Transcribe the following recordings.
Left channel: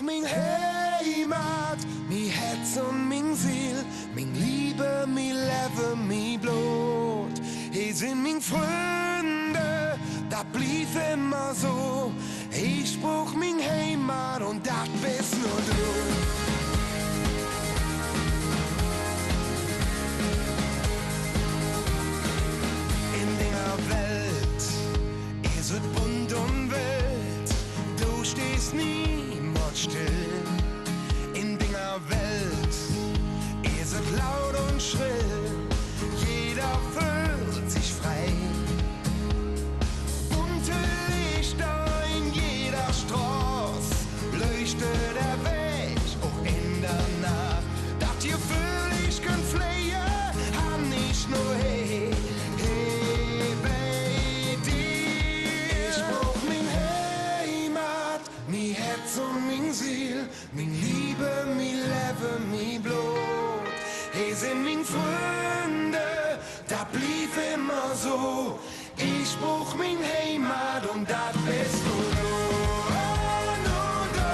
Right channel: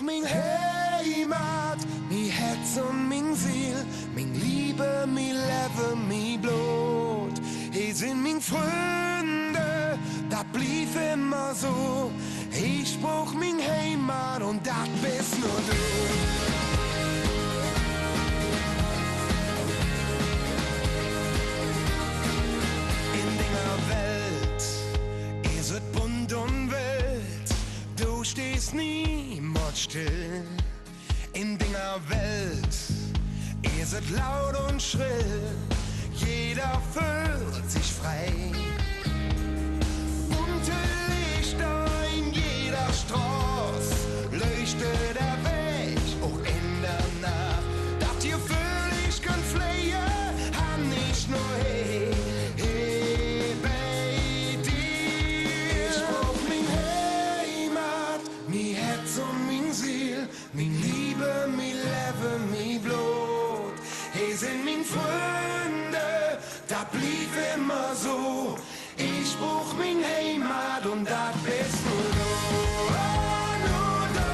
Min Heimat, mi Herz und min Seel, min Liebe, mi Leben, mi Blut. Hier sind min Freunde, das blieb immer so. Ich brauch min Heimat und das bist nur du. In dieser Welt ist es bunt und wild, du stehst niemals still. In dieser Welt ist es laut und schrill, jeder fühlt sich frei. Bunte Lichter in jeder Straße, leuchtet der Weg, auch in der Nacht. Das ihr fühl ich könnt fliehen, han nicht nur hey. Und min Seel, min Liebe, mi Leben, mi Blut. Hey, sind min Freunde, da blieb immer so. Ich brauch min Heimat und das bist nur du. Oh, nur du.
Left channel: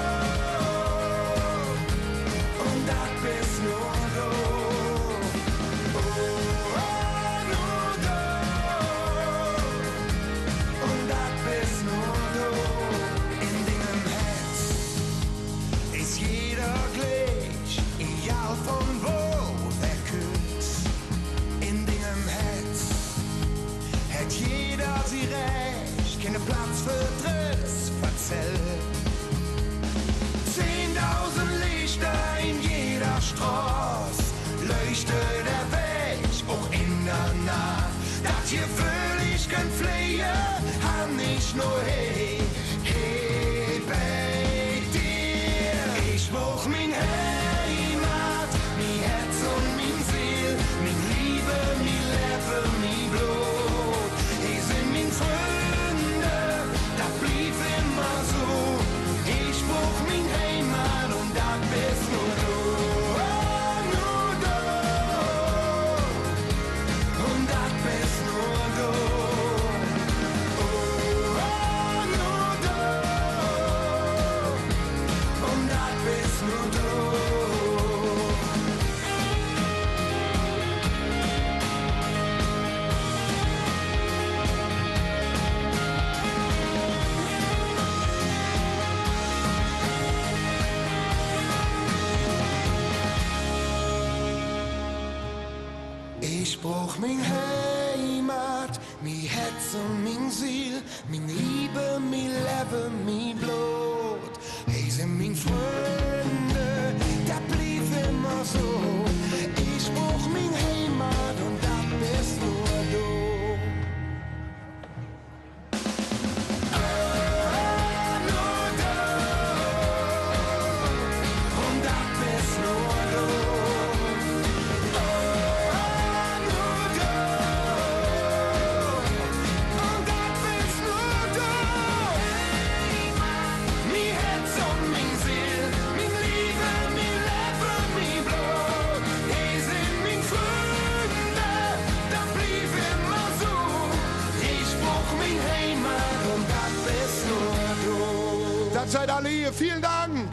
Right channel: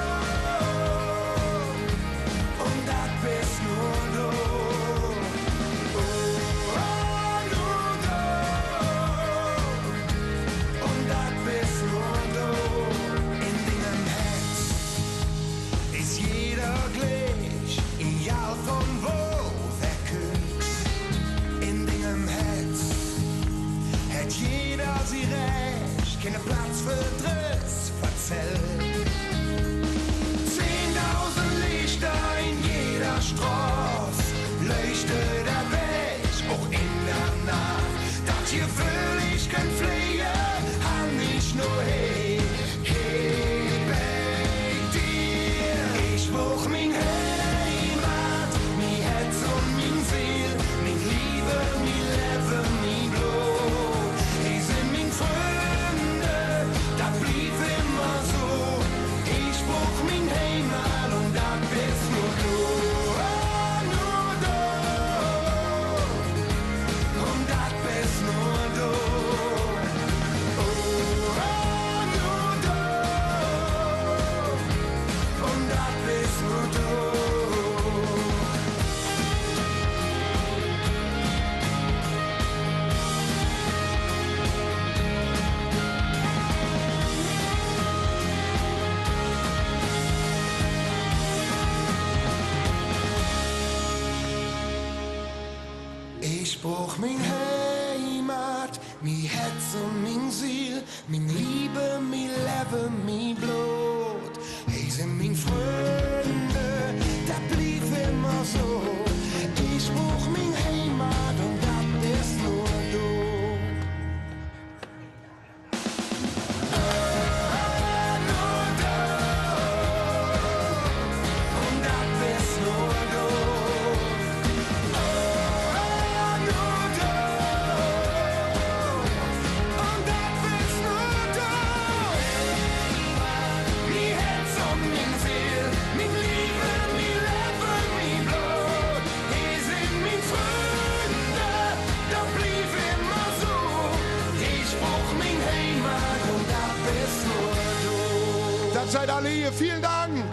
Und das bist nur du. Oh, nur du. Und das bist nur du. Ist jeder gleich, egal von wo wer küsst. In deinem Herz hat jeder sie recht, keinen Platz für Driss verzählt. 10.000 Lichter in jeder Straße, leuchtet der Weg, auch in der Nacht. Das hier fühl ich könnt fliehen, han nicht nur hey, hey, bei dir. Ich brauch min Heimat, mi Herz und min Seel, min Liebe, mi Leben, mi Blut. Hey, sind min Freunde, das blieb immer so. Ich brauch min Heimat und das bist nur du. Oh, nur du. Und das bist nur du. Nur du. Ich brauch min Heimat, mi Herz und min Seel, min Liebe, mi Leben, mi Blut. Hey, sind min Freunde, da blieb immer so. Ich brauch min Heimat und das bist nur du. Oh, nur du. Und das bist nur du. Das seid alle hier. Vielen Dank.